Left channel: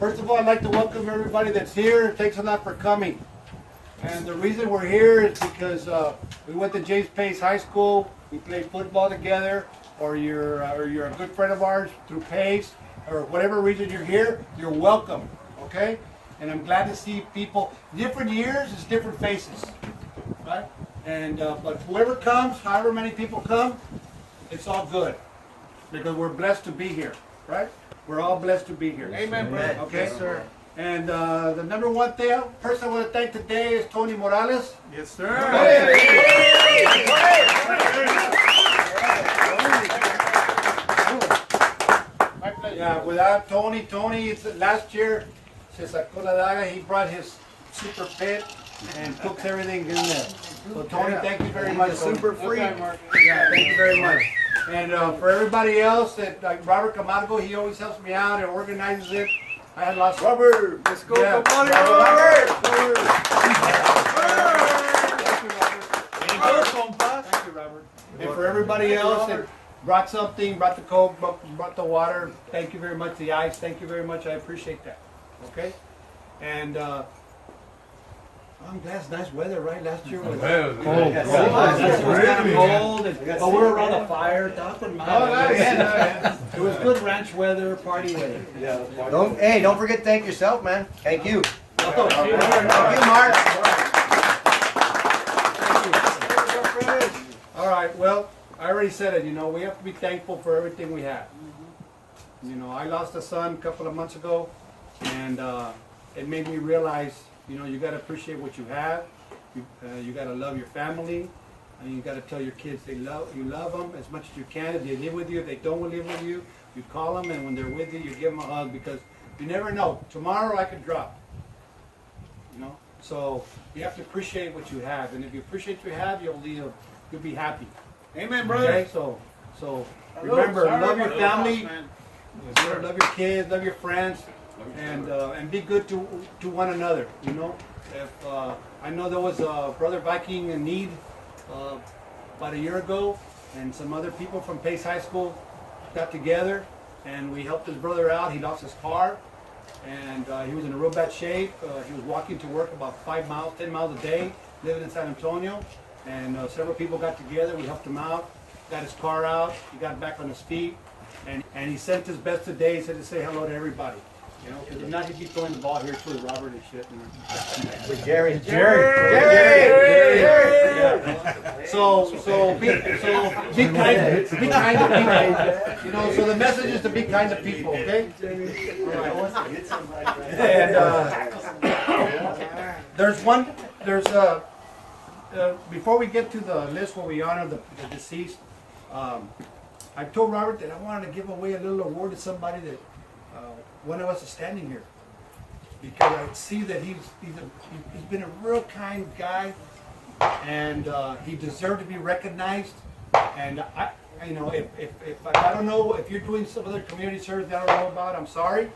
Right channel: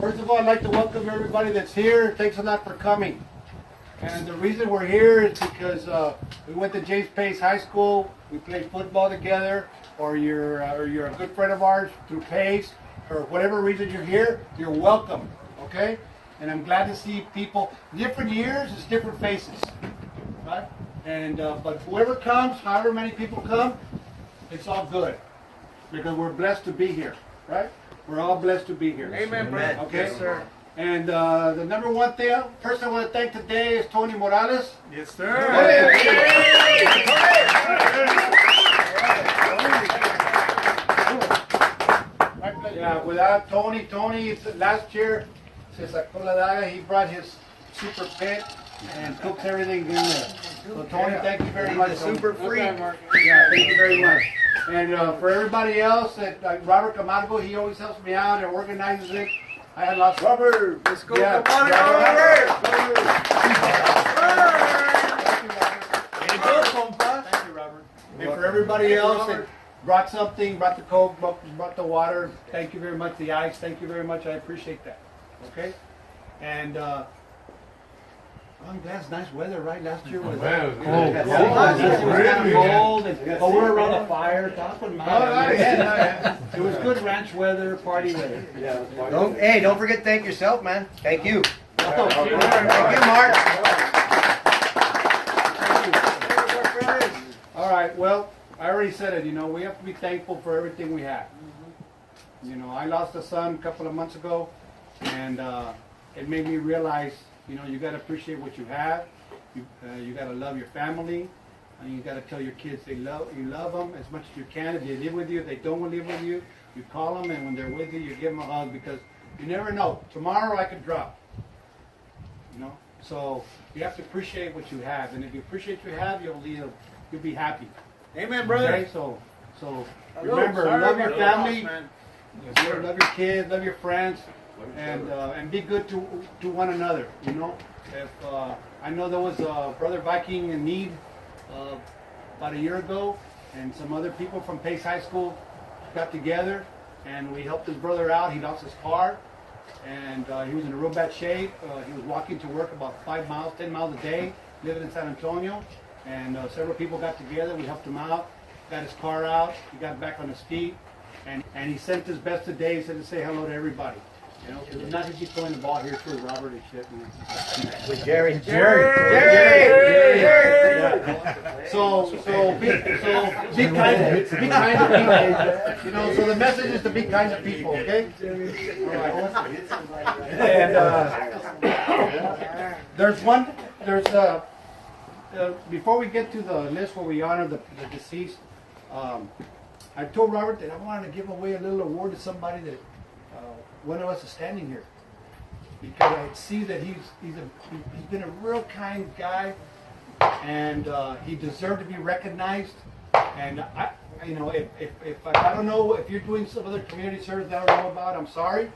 First of all, I'd like to welcome everybody that's here. Thanks a lot for coming. And the reason we're here is because we went to James Pace High School. We played football together, or you're a good friend of ours through Pace, or whatever reason you're here. You're welcome. Okay? And I'm glad to see people. Different years is different faces, right? And but whoever comes, however many people come, it's all good because we're blessed to be here, right? We're all blessed to be here. Amen, brother. Okay, Yes, sir. And the number one person I want to thank today is Tony Morales. Yes, sir. Yeah, without Tony, last year, se sacó la daga, he brought his super pet and cooks everything in there. So Tony, thank you very much. Super free. Yeah, thank you very much. And for everybody else, like Robert Camargo, he always helps me out and organizes it. I had lost Robert. Let's go, Yeah. Camargo. Thank you, Robert. And for everybody else that brought something, brought the Coke, brought the water, thank you very much. The ice, thank you very much. I appreciate that. Okay? And I'm glad it's nice weather, right? Last year was cold. Last year was kind of cold, but we were around the fire talking about it. It was good ranch weather, party weather. Don't forget to thank yourself, man. Thank you. Thank you. Thank you, Mark. All right, well, I already said it, we have to be thankful for everything we have. I lost a son a couple of months ago, and it made me realize, you got to appreciate what you have. You got to love your family, and you got to tell your kids you love them as much as you can. If they live with you, if they don't live with you, you call them, and when they're with you, you give them a hug, because you never know. Tomorrow I could drop. So you have to appreciate what you have, and if you appreciate what you have, you'll be happy. Amen, brother. Okay, so remember, love your family, love your kids, love your friends, and be good to one another. If I know there was a brother Viking in need about a year ago, and some other people from Pace High School got together, and we helped his brother out. He lost his car, and he was in a real bad shape. He was walking to work about 5 miles, 10 miles a day, living in San Antonio. And several people got together, we helped him out, got his car out, he got back on his feet, and he sent his best today. He said to say hello to everybody. Because if not, he'd be throwing the ball here too, Robert and shit. With Jerry. Yeah. So be kind to people. So the message is to be kind to people, okay? And before we get to the list where we honor the deceased, I told Robert that I wanted to give away a little award to somebody that one of us is standing here, because I see that he's been a real kind guy, and he deserved to be recognized. And if I don't know if you're doing some other community service that I don't know about, I'm sorry,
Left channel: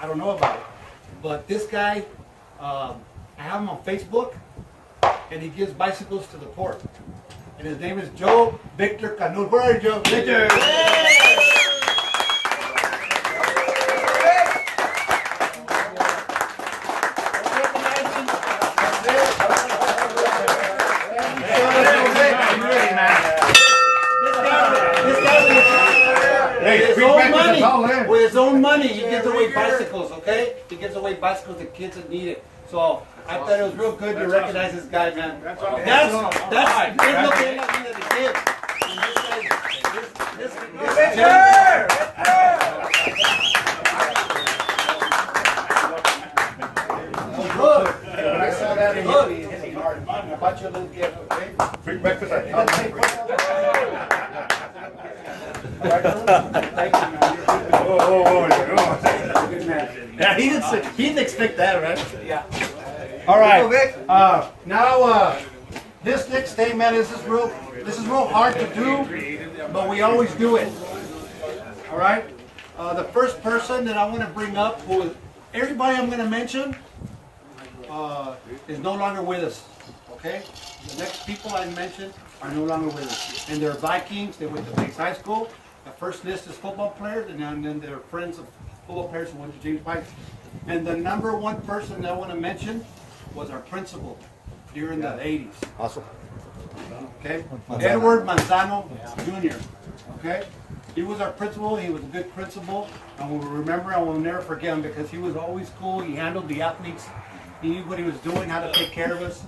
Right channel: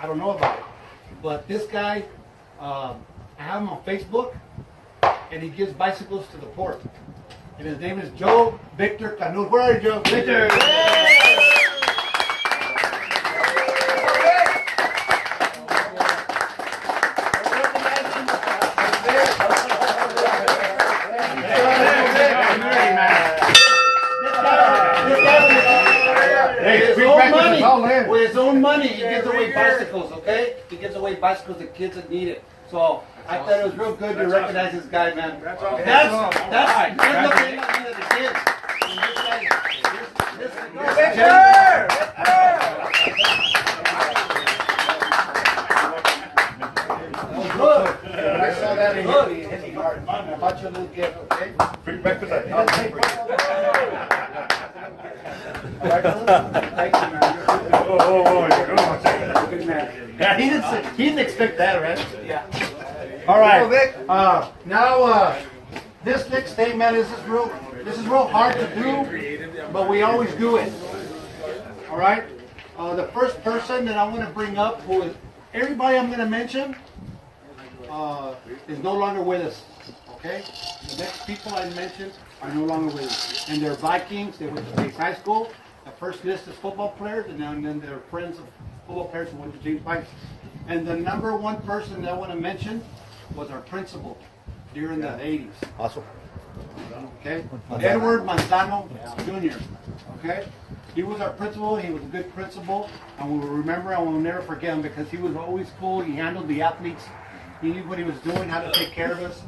I don't know about it. But this guy, I have him on Facebook, and he gives bicycles to the poor. And his name is Joe Victor Canut. Where are you, Joe? Victor! With his own money, he gives away bicycles, okay? He gives away bicycles to kids that need it. So I thought it was real good to recognize this guy, man. That's good looking at the kids. Good. I saw that hit me hard. I bought you a little gift, okay? Free breakfast. Thank you, man. Yeah, he didn't expect that, right? Yeah. All right. Now, this next statement is real hard to do, but we always do it. All right. The first person that I want to bring up, everybody I'm going to mention, is no longer with us. Okay. The next people I mentioned are no longer with us, and they're Vikings. They went to Pace High School. The first list is football players, and then they're friends football players who went to James Pikes. And the number one person that I want to mention was our principal during the 80s. Awesome. Okay? Edward Manzano Jr. Okay? He was our principal. He was a good principal. And we will remember, I will never forget him because he was always cool. He handled the athletes. He knew what he was doing, how to take care of us.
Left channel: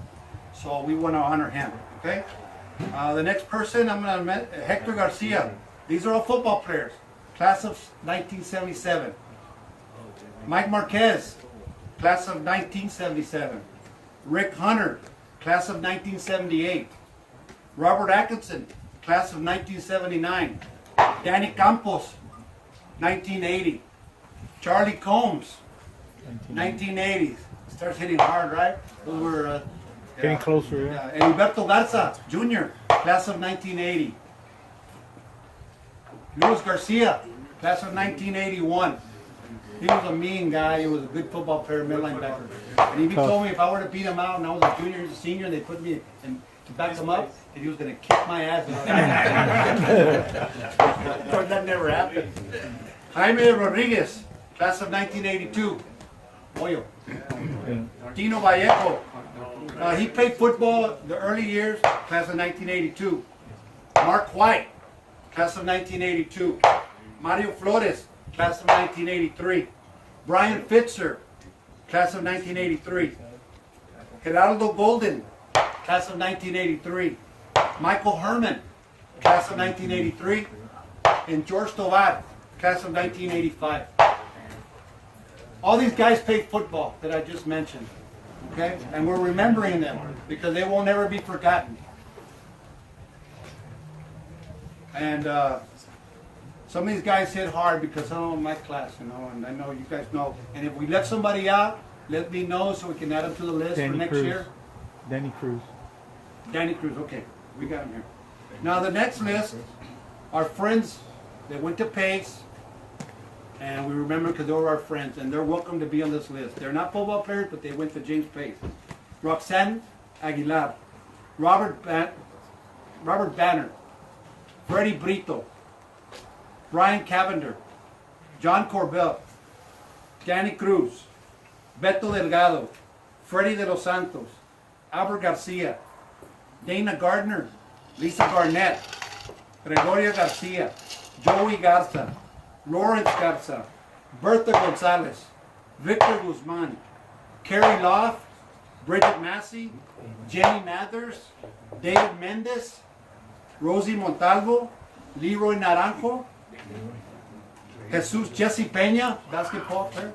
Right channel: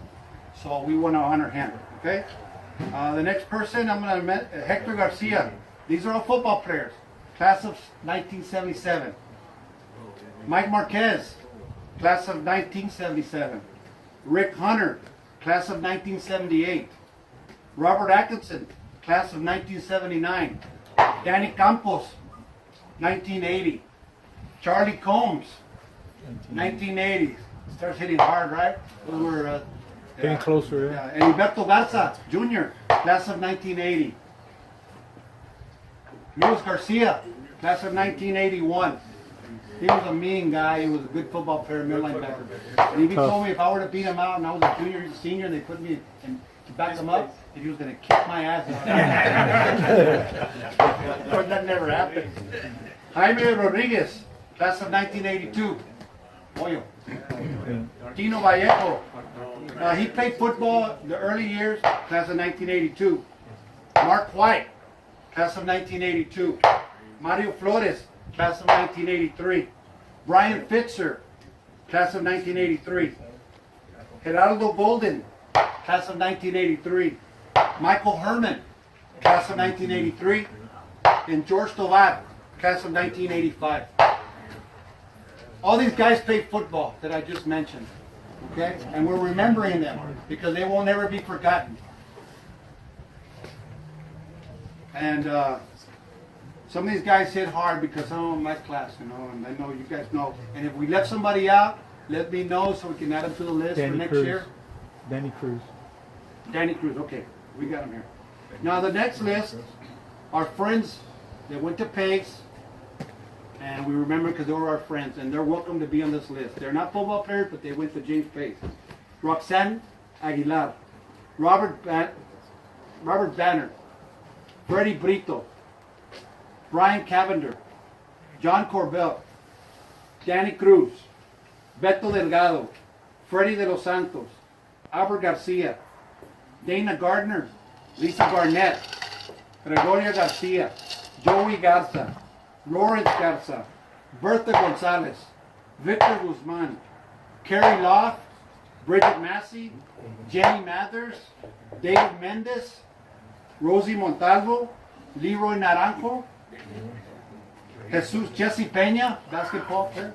So we want to honor him. Okay? The next person I'm going to meet, Hector Garcia. These are all football players. Class of 1977. Mike Marquez, class of 1977. Rick Hunter, class of 1978. Robert Atkinson, class of 1979. Danny Campos, 1980. Charlie Combs, 1980. Starts hitting hard, right? We're Getting closer, yeah. and Humberto Garza, Jr., class of 1980. Luis Garcia, class of 1981. He was a mean guy. He was a good football player, middle linebacker. And he told me if I were to beat him out and I was a junior and senior and they put me in to back him up, that he was going to kick my ass. But that never happened. Jaime Rodriguez, class of 1982. Boyo. Tino Vallejo. He played football the early years, class of 1982. Mark White, class of 1982. Mario Flores, class of 1983. Brian Fitzer, class of 1983. Geraldo Golden, class of 1983. Michael Herman, class of 1983. And George Tovar, class of 1985. All these guys played football that I just mentioned. Okay? And we're remembering them because they will never be forgotten. And some of these guys hit hard because some of them my class, you know, and I know you guys know. And if we left somebody out, let me know so we can add them to the list for next year. Danny Cruz. Danny Cruz, okay. We got him here. Now the next list are friends that went to Pace. And we remember because they were our friends, and they're welcome to be on this list. They're not football players, but they went to James Pace. Roxanne Aguilar, Robert Banner, Freddie Brito, Brian Cavender, John Corbell, Danny Cruz, Beto Delgado, Freddie de los Santos, Albert Garcia, Dana Gardner, Lisa Garnett, Gregoria Garcia, Joey Garza, Lawrence Garza, Bertha Gonzalez, Victor Guzman, Carrie Loft, Bridget Massey, Jenny Mathers, David Mendez, Rosie Montalvo, Leroy Naranjo, Jesse Peña, basketball player,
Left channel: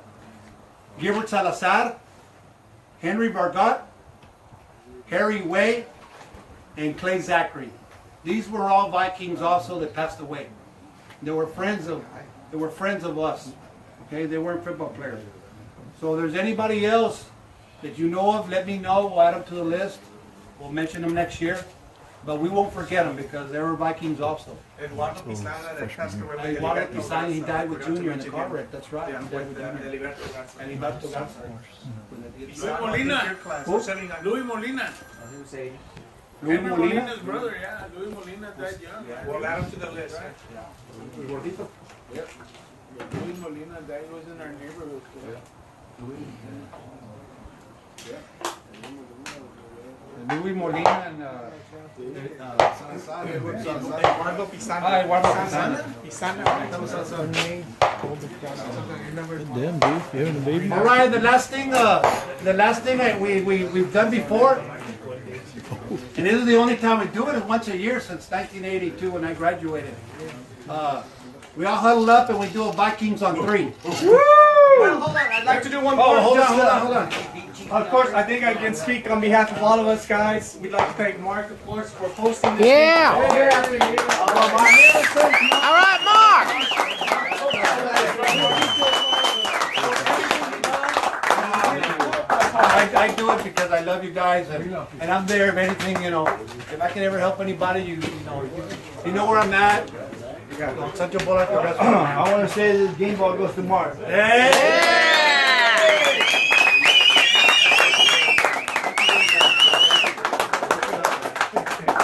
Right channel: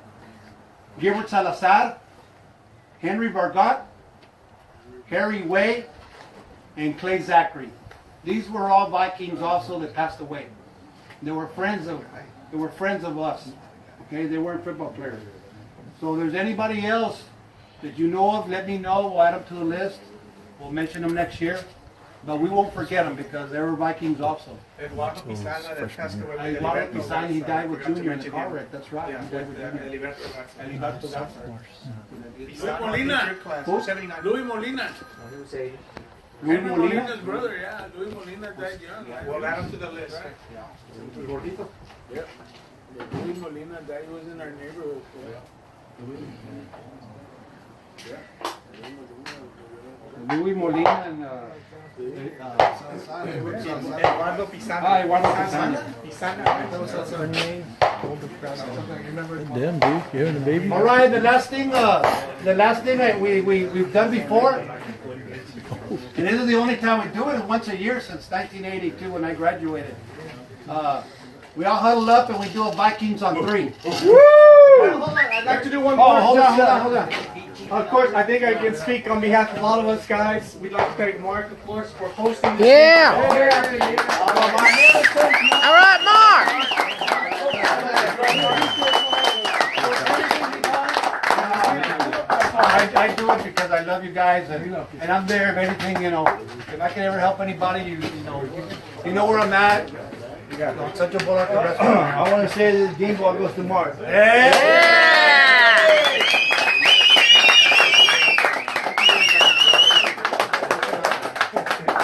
Gilbert Salazar, Henry Vargot, Harry Way, and Clay Zachary. These were all Vikings also that passed away. They were friends of us. Okay, they weren't football players. So if there's anybody else that you know of, let me know. We'll add them to the list. We'll mention them next year. But we won't forget them because they were Vikings also. Eduardo Pisana, that passed away with Eduardo Eliberto Pisana, he died with Garza. Junior in the car wreck. That's right. Yeah, He died with with Junior. Eliberto Garza. And Humberto Garza. Pisana, Molina. class Who? of 79. Louis Molina. Louis Henry Molina. Molina's brother, yeah. Louis Molina died young. Right? We'll add him to the list. Gordito. Yep. Louis Molina died, was in our neighborhood. Louis Molina and Eduardo Pisana. Eduardo Pisana. Pisana. Damn, dude, you having a baby? All right, the last thing we've done before, and this is the only time we do it, is once a year since 1982 when I graduated. We all huddle up and we do a Vikings on 3. Woo! I'd like to do one more. Hold on. Of course, I think I can speak on behalf of all of us guys. We'd like to thank Mark, of course, for hosting this. Yeah! All right, Mark! I do it because I love you guys, and I'm there if anything, you know. If I can ever help anybody, you know where I'm at. You got such a ball at the rest. I want to say this game ball goes to Mark.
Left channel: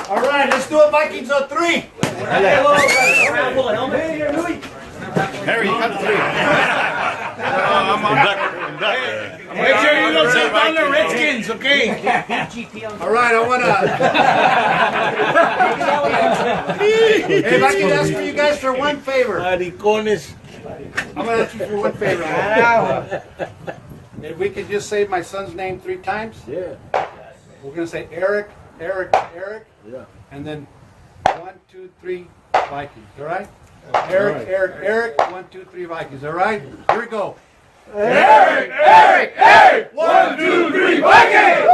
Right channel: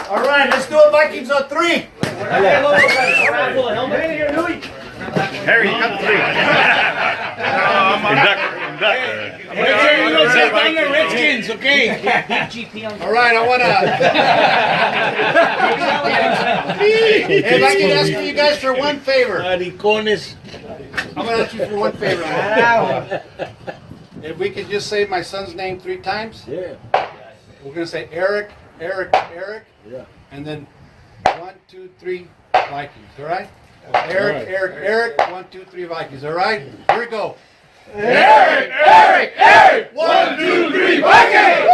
All right, let's do a Vikings on 3. Harry, you got 3. Make sure you don't take down the Redskins, okay? All right, I want to. If I can ask for you guys for one favor. Maricones. I'm going to ask you for one favor. If we could just say my son's name 3 times. Yeah. We're going to say Eric, Eric, Eric. Yeah. And then 1, 2, 3 Vikings. All right? Eric, Eric, Eric. 1, 2, 3 Vikings. All right? Here we go. Eric, Eric, Eric! 1, 2, 3, Vikings!